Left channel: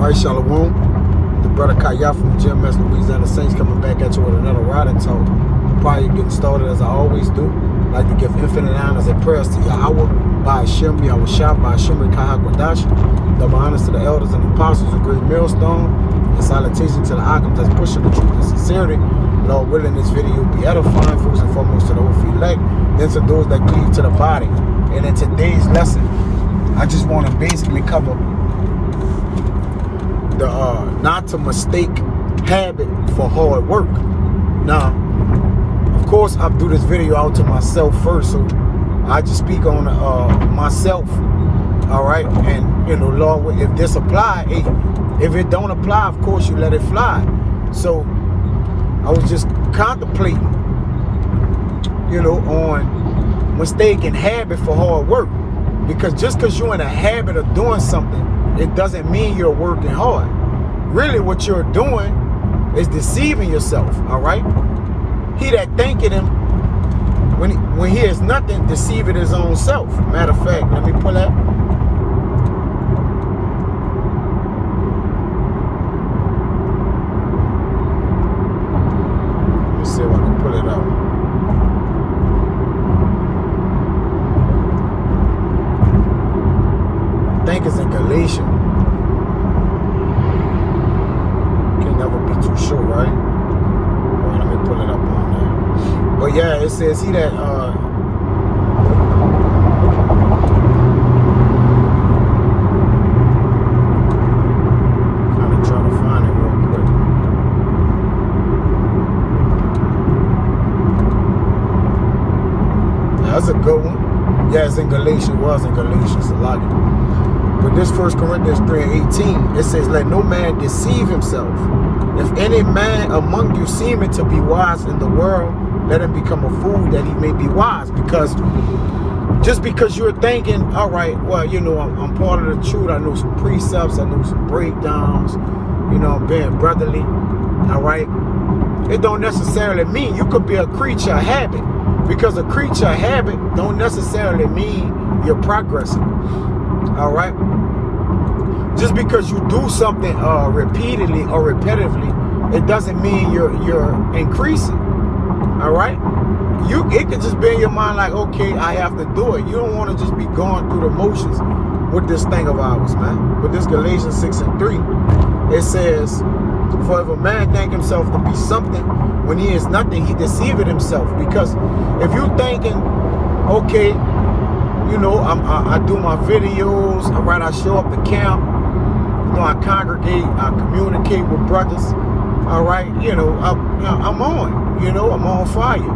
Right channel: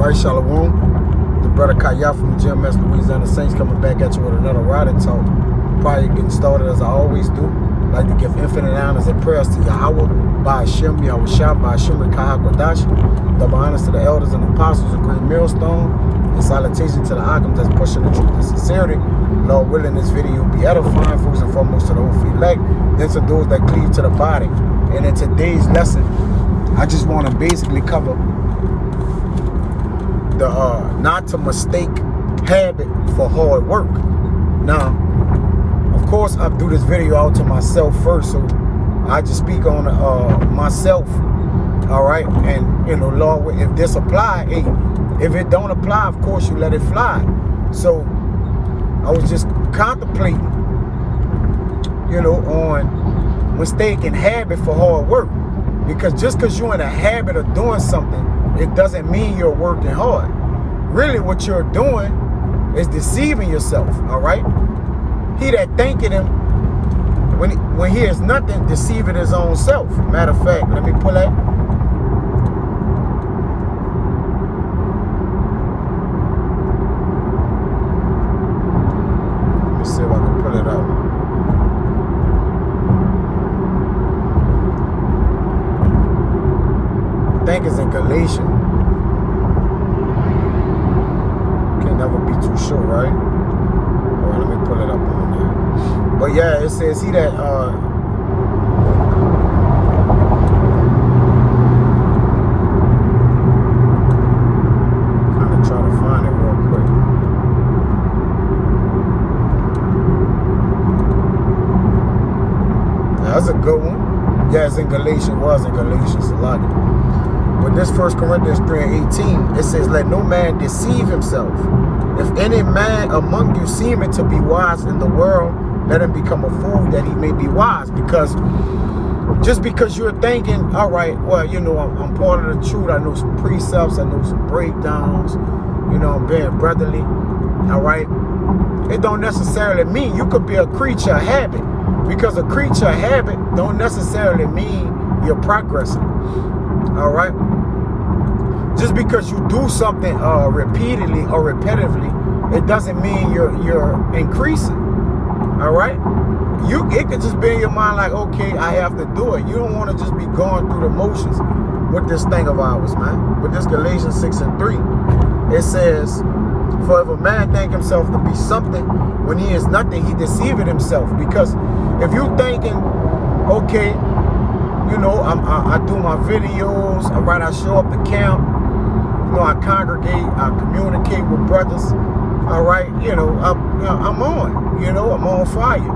Alright, Shalom. The brother Kaya from the GMS Louisiana Saints coming back at you with another riding talk. Probably getting started as I always do. Like to give infinite honors and prayers to Yahweh, by Hashem, Yahushua, by Hashem, Kahak, double honors to the elders and apostles of Great Millstone, and salutation to the Akim that's pushing the truth and sincerity. Lord willing, this video will be edifying, first and foremost to the whole elect, then to those that cleave to the body. And in today's lesson, I just want to basically cover the not to mistake habit for hard work. Now, of course, I do this video out to myself first, so I just speak on myself. All right, and you know, Lord, if this apply, hey, if it don't apply, of course you let it fly. So I was just contemplating, you know, on mistaking habit for hard work, because just because you're in a habit of doing something, it doesn't mean you're working hard. Really, what you're doing is deceiving yourself. All right. He that thinketh him, when he is nothing, deceiving his own self. Matter of fact, let me pull that. Let me see if I can pull it out. I think it's in Galatians. Can never be too sure, right? Let me pull it up on there. But yeah, it says he that kind of try to find it real quick. Yeah, that's a good one. Yeah, it's in Galatians. It was in Galatians a lot. But this 1 Corinthians 3:18, it says, let no man deceive himself. If any man among you seemeth to be wise in the world, let him become a fool that he may be wise. Because just because you're thinking, all right, well, you know, I'm part of the truth. I know some precepts. I know some breakdowns. You know, I'm being brotherly. All right. It don't necessarily mean you could be a creature of habit. Because a creature of habit don't necessarily mean you're progressing. All right. Just because you do something repeatedly or repetitively, it doesn't mean you're increasing. All right, it could just be in your mind like, okay, I have to do it. You don't want to just be going through the motions with this thing of ours, man. With this Galatians 6:3, it says, for if a man think himself to be something when he is nothing, he deceiveth himself. Because if you're thinking, okay, you know, I do my videos, all right, I show up to camp. You know, I congregate, I communicate with brothers. All right, you know, I'm on. You know, I'm on fire.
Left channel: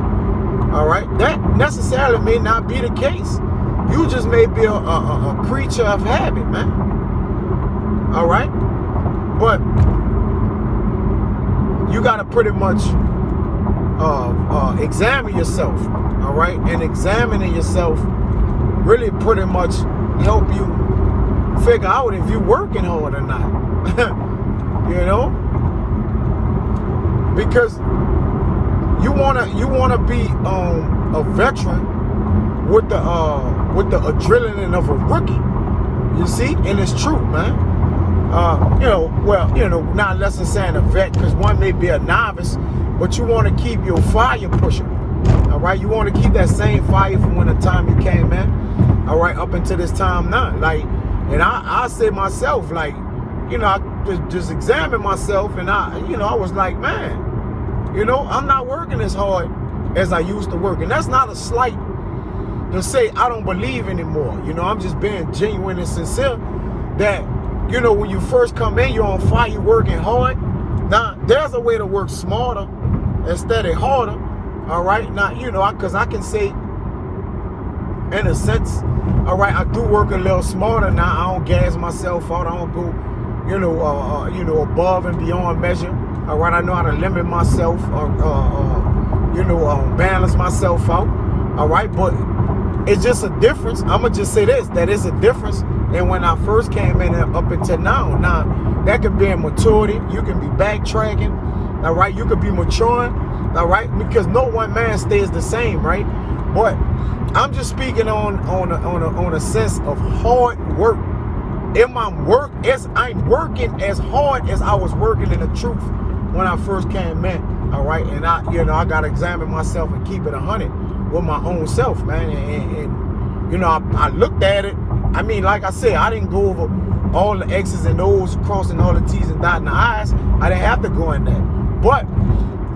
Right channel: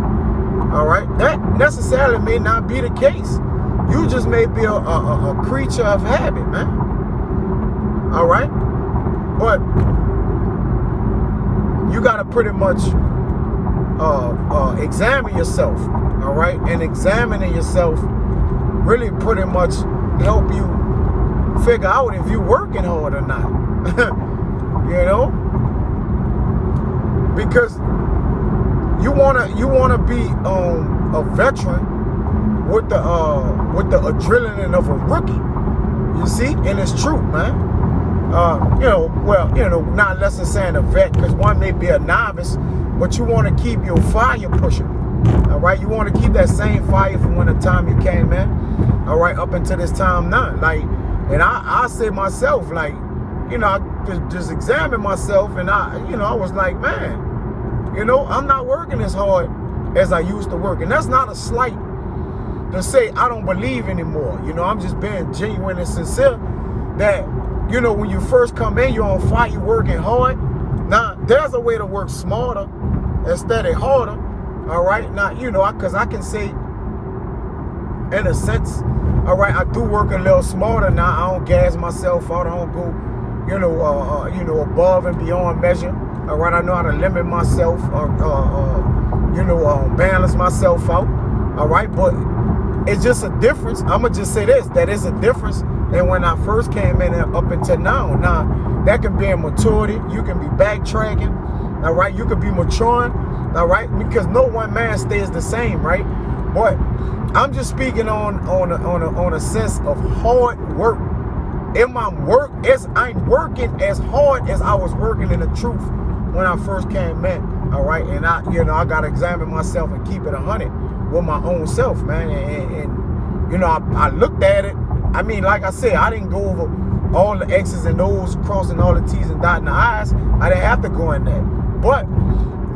All right, that necessarily may not be the case. You just may be a creature of habit, man. All right, but you got to pretty much examine yourself. All right, and examining yourself really pretty much help you figure out if you're working hard or not. You know, because you wanna be a veteran with the adrenaline of a rookie. You see, and it's true, man. You know, well, you know, not less than saying a vet, because one may be a novice, but you want to keep your fire pushing. All right, you want to keep that same fire from when the time you came in. All right, up until this time now, like. And I say myself, like, you know, I just examine myself, and I was like, man, you know, I'm not working as hard as I used to work. And that's not a slight to say I don't believe anymore. You know, I'm just being genuine and sincere that, you know, when you first come in, you're on fire, you're working hard. Now, there's a way to work smarter instead of harder. All right. Now, you know, because I can say, in a sense, all right, I do work a little smarter now. I don't gas myself out. I don't go, you know, above and beyond measure. All right, I know how to limit myself, balance myself out. All right, but it's just a difference. I'm gonna just say this: that is a difference than when I first came in up until now. Now, that can be a maturity. You can be backtracking. All right, you could be maturing. All right, because no one man stays the same, right? But I'm just speaking on a sense of hard work. I'm working as hard as I was working in the truth when I first came in. All right, and I gotta examine myself and keep it 100 with my own self, man. And I looked at it. I mean, like I said, I didn't go over all the X's and O's, crossing all the T's and dotting the I's. I didn't have to go in there, but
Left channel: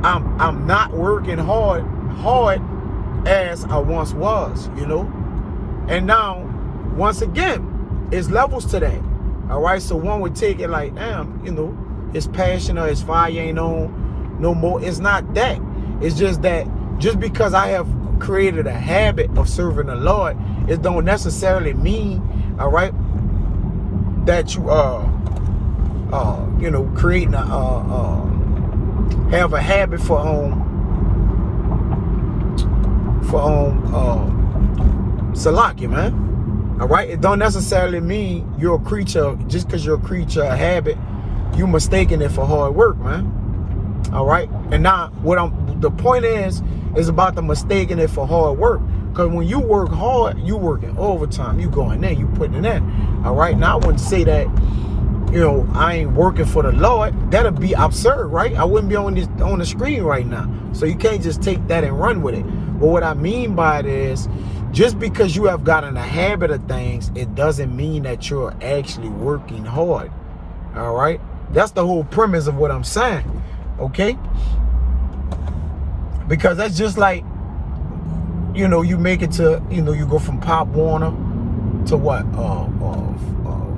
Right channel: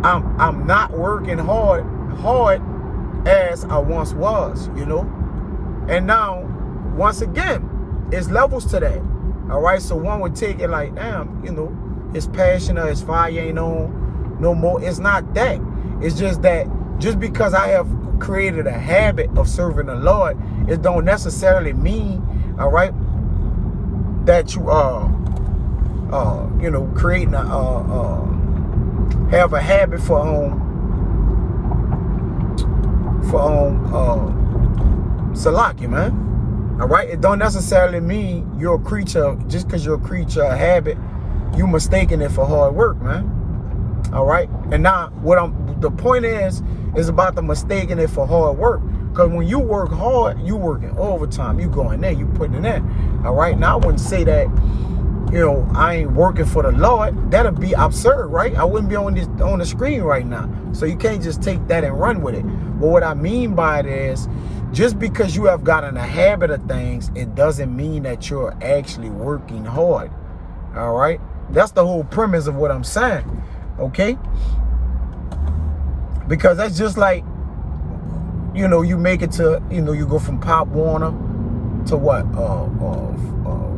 I'm not working hard as I once was, And now, once again, it's levels to that. All right, so one would take it like, damn, his passion or his fire ain't on no more. It's not that. It's just that just because I have created a habit of serving the Lord, it don't necessarily mean, all right, that you creating have a habit for Salaki, man. All right, it don't necessarily mean you're a creature. Just because you're a creature of habit, you mistaking it for hard work, man. All right, and now the point is about the mistaking it for hard work. Because when you work hard, you working overtime. You going there, you putting it in. All right, now I wouldn't say that I ain't working for the Lord. That'd be absurd, right? I wouldn't be on the screen right now. So you can't just take that and run with it. But what I mean by it is, just because you have gotten a habit of things, it doesn't mean that you're actually working hard. All right? That's the whole premise of what I'm saying. Okay? Because that's just like, you make it to, you go from Pop Warner to what?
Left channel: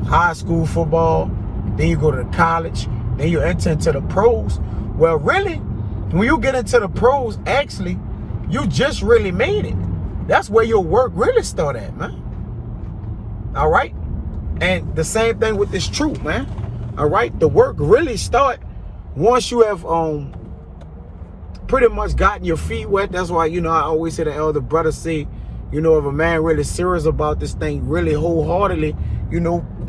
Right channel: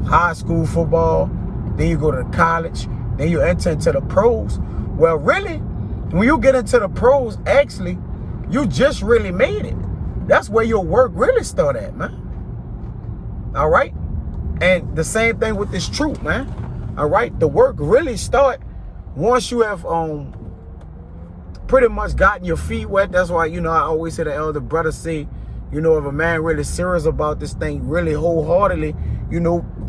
High school football. Then you go to college. Then you enter into the pros. Well, really, when you get into the pros, actually, you just really made it. That's where your work really start at, man. All right? And the same thing with this truth, man. All right? The work really start once you have pretty much gotten your feet wet. That's why, I always hear the elder brother say, if a man really serious about this thing, really wholeheartedly,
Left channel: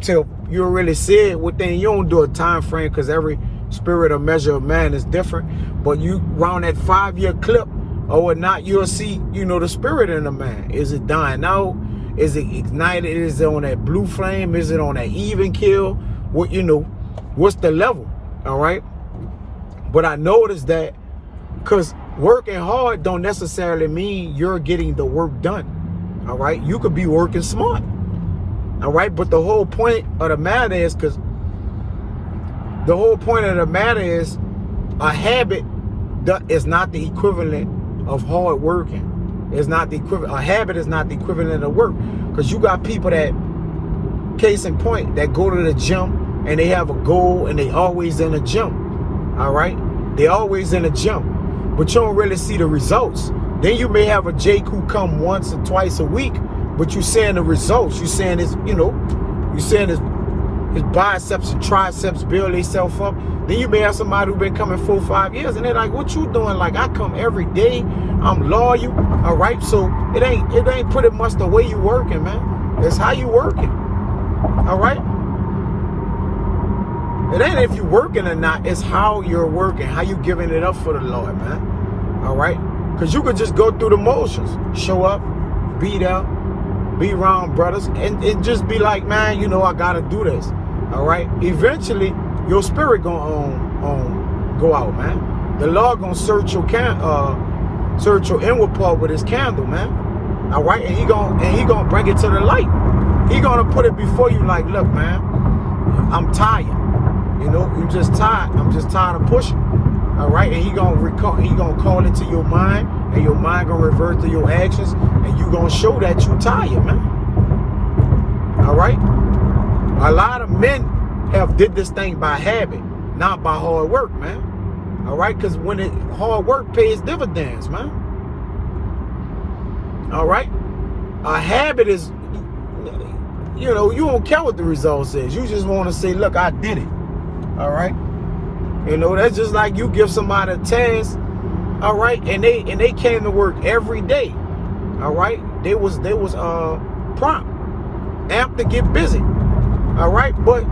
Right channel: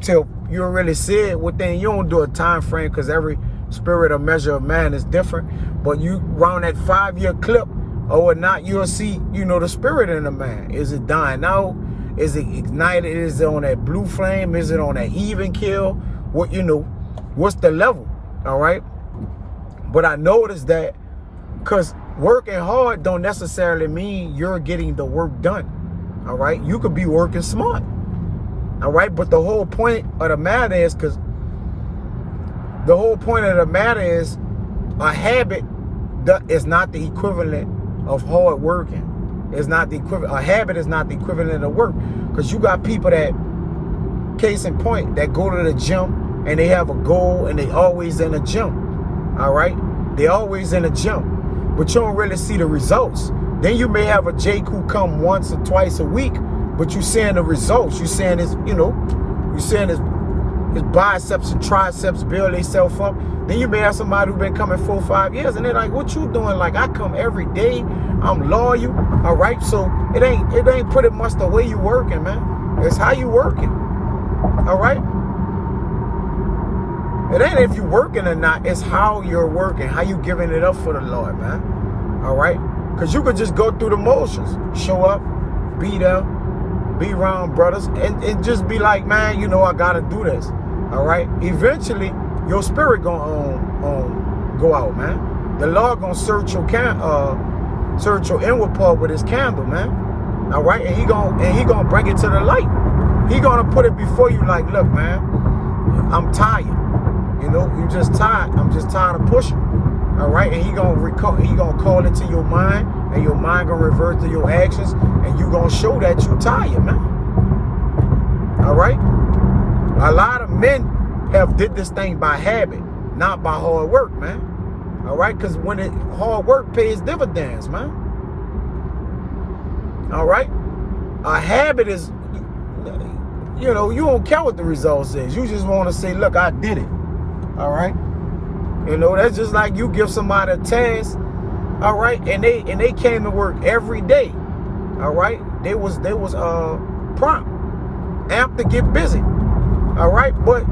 till you really see it within, you don't do a time frame because every spirit or measure of man is different. But you round that 5-year clip, or not, you'll see, the spirit in a man. Is it dying out? Is it ignited? Is it on that blue flame? Is it on that even kill? What, what's the level? All right. But I noticed that because working hard don't necessarily mean you're getting the work done. All right. You could be working smart. All right. But the whole point of the matter is, a habit that is not the equivalent of hard working. It's not the equivalent. A habit is not the equivalent of work. Because you got people that, case in point, that go to the gym and they have a goal and they always in the gym. All right? They always in the gym. But you don't really see the results. Then you may have a Jake who come once or twice a week, but you seeing the results. You seeing his, his biceps and triceps build themselves up. Then you may have somebody who been coming 4 or 5 years and they're like, what you doing? Like, I come every day, I'm loyal. All right, so it ain't pretty much the way you working, man. It's how you working. All right? It ain't if you working or not, it's how you're working, how you giving it up for the Lord, man. All right? Because you could just go through the motions, show up, be there, be around brothers, and just be like, man, I gotta do this. All right? Eventually, your spirit gonna go out, man. The Lord gonna search your inward part with his candle, man. All right, and he gonna bring it to the light. He gonna put it before you, like, look, man, I'm tired. You just tired. I'm just tired of pushing. All right, and he gonna call it to your mind, and your mind gonna revert to your actions, and you gonna show that you tired, man. All right. A lot of men have did this thing by habit, not by hard work, man. All right, because when hard work pays dividends, man. All right, a habit is, you don't care what the results is. You just want to say, look, I did it. All right, that's just like you give somebody a task. All right, and they came to work every day. All right, they was prompt, amped to get busy. All right, but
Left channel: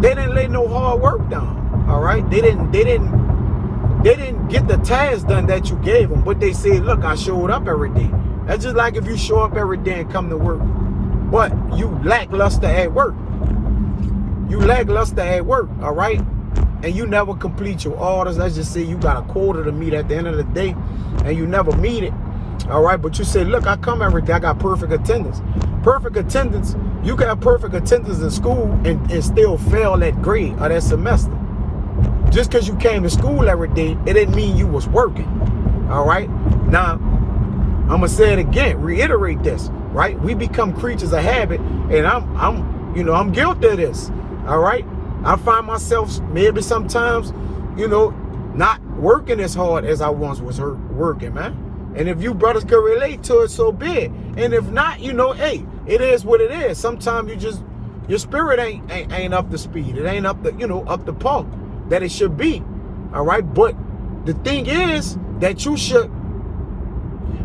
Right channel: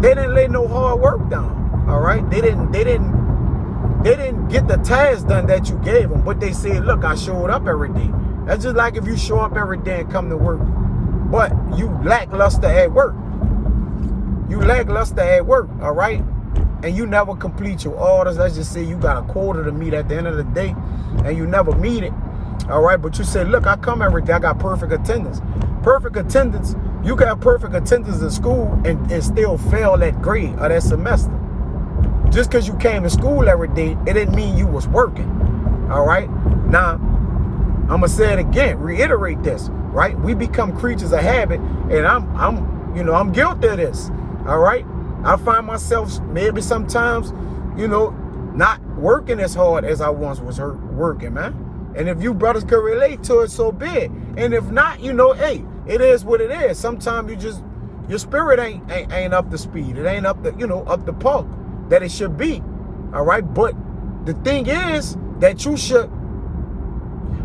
they didn't lay no hard work down. All right, they didn't get the task done that you gave them. But they said, look, I showed up every day. That's just like if you show up every day and come to work, but you lackluster at work. you lackluster at work, all right? And you never complete your orders. Let's just say you got a quota to meet at the end of the day and you never meet it, all right? But you say, look, I come every day, I got perfect attendance. Perfect attendance, you can have perfect attendance in school and still fail that grade or that semester. Just because you came to school every day, it didn't mean you was working, all right? Now, I'm going to say it again, reiterate this, right? We become creatures of habit, and I'm guilty of this, all right? I find myself maybe sometimes, not working as hard as I once was working, man. And if you brothers could relate to it, so be it. And if not, hey, it is what it is. Sometimes your spirit ain't up to speed. It ain't up to par that it should be, all right? But the thing is that you should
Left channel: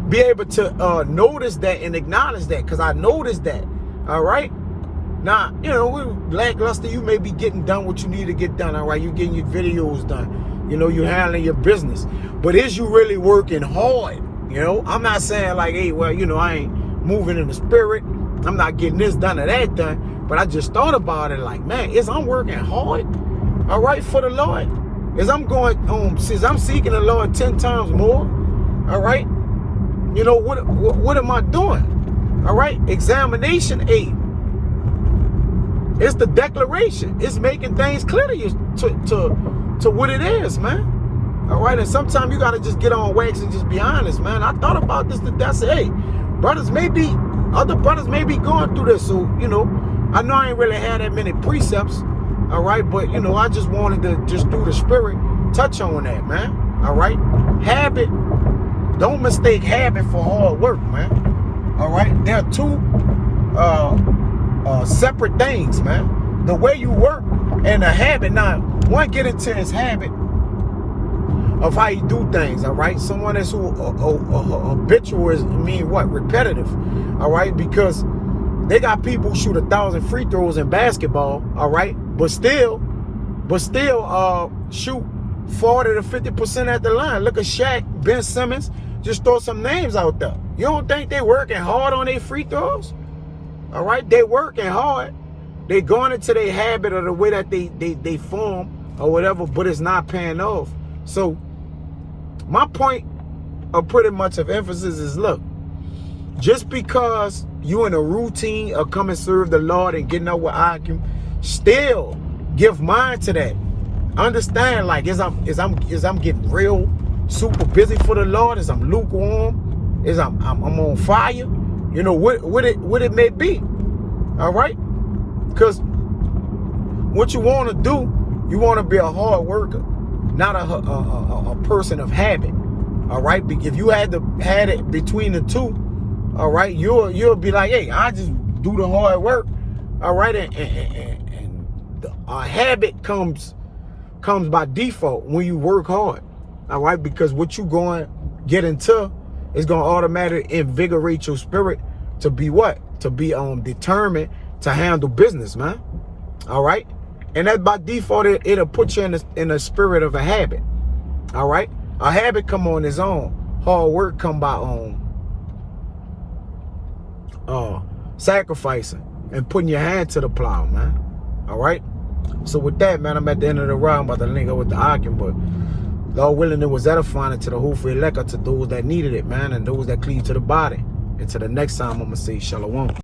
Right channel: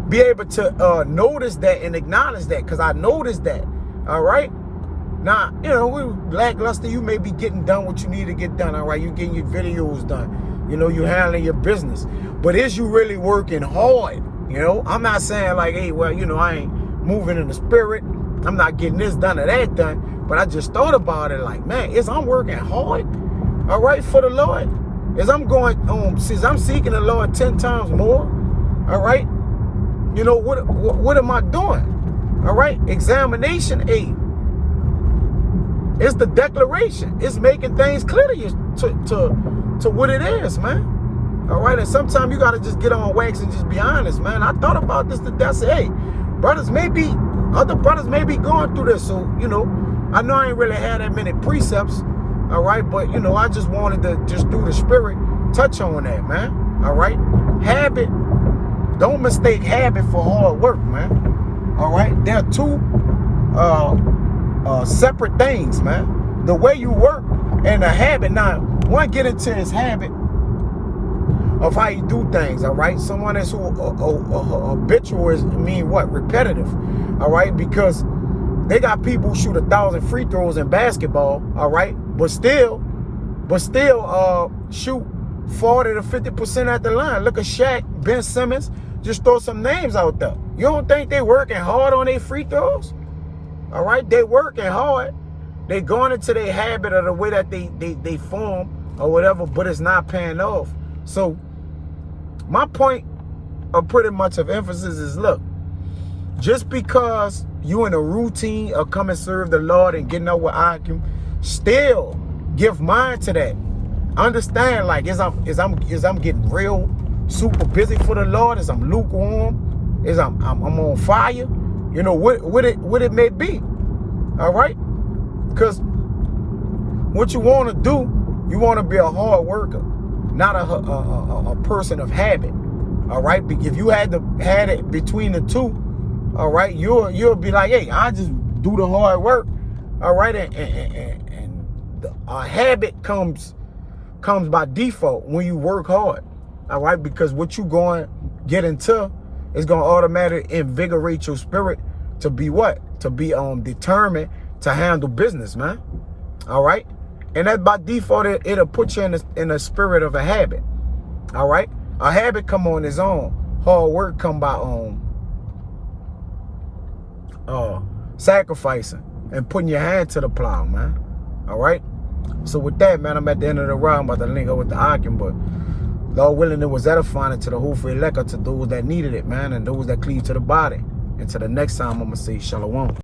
be able to notice that and acknowledge that, because I noticed that, all right? Now, we lackluster, you may be getting done what you need to get done, all right? You're getting your videos done. You're handling your business. But is you really working hard? I'm not saying like, hey, well, I ain't moving in the spirit. I'm not getting this done or that done. But I just thought about it like, man, I'm working hard, all right, for the Lord? Since I'm seeking the Lord 10 times more, all right? What am I doing? All right? Examination aid. It's the declaration. It's making things clear to you to what it is, man. All right? And sometimes you got to just get on wax and just be honest, man. I thought about this today. I said, hey, other brothers may be going through this. So, I know I ain't really had that many precepts, all right? But, I just wanted to just through the spirit touch on that, man. All right? Habit. Don't mistake habit for hard work, man. All right? They're two separate things, man. The way you work and a habit. Now, one get into his habit of how you do things, all right? Someone that's habitual is repetitive, all right? Because they got people who shoot 1,000 free throws in basketball, all right? But still shoot 40 to 50% at the line. Look at Shaq, Ben Simmons. Just throw some names out there. You don't think they working hard on their free throws? All right, they working hard. They going into their habit of the way that they form or whatever, but it's not paying off. So my point of pretty much of emphasis is, look, just because you in a routine of come and serve the Lord and getting up with Akim, still give mind to that. Understand, like, as I'm getting real super busy for the Lord, as I'm lukewarm, as I'm on fire, what it may be, all right? Because what you want to do, you want to be a hard worker, not a person of habit, all right? If you had it between the two, all right, you'll be like, hey, I just do the hard work, all right? And a habit comes by default when you work hard, all right? Because what you going to get into is going to automatically invigorate your spirit to be what? To be determined to handle business, man. All right? And that by default, it'll put you in a spirit of a habit. All right? A habit come on its own. Hard work come by sacrificing and putting your hand to the plow, man. All right? So with that, man, I'm at the end of the round. I'm about to link up with the Akim, but Lord willing, it was edifying to the whole elect, to those that needed it, man, and those that cleave to the body. Until the next time, I'm going to say shalom.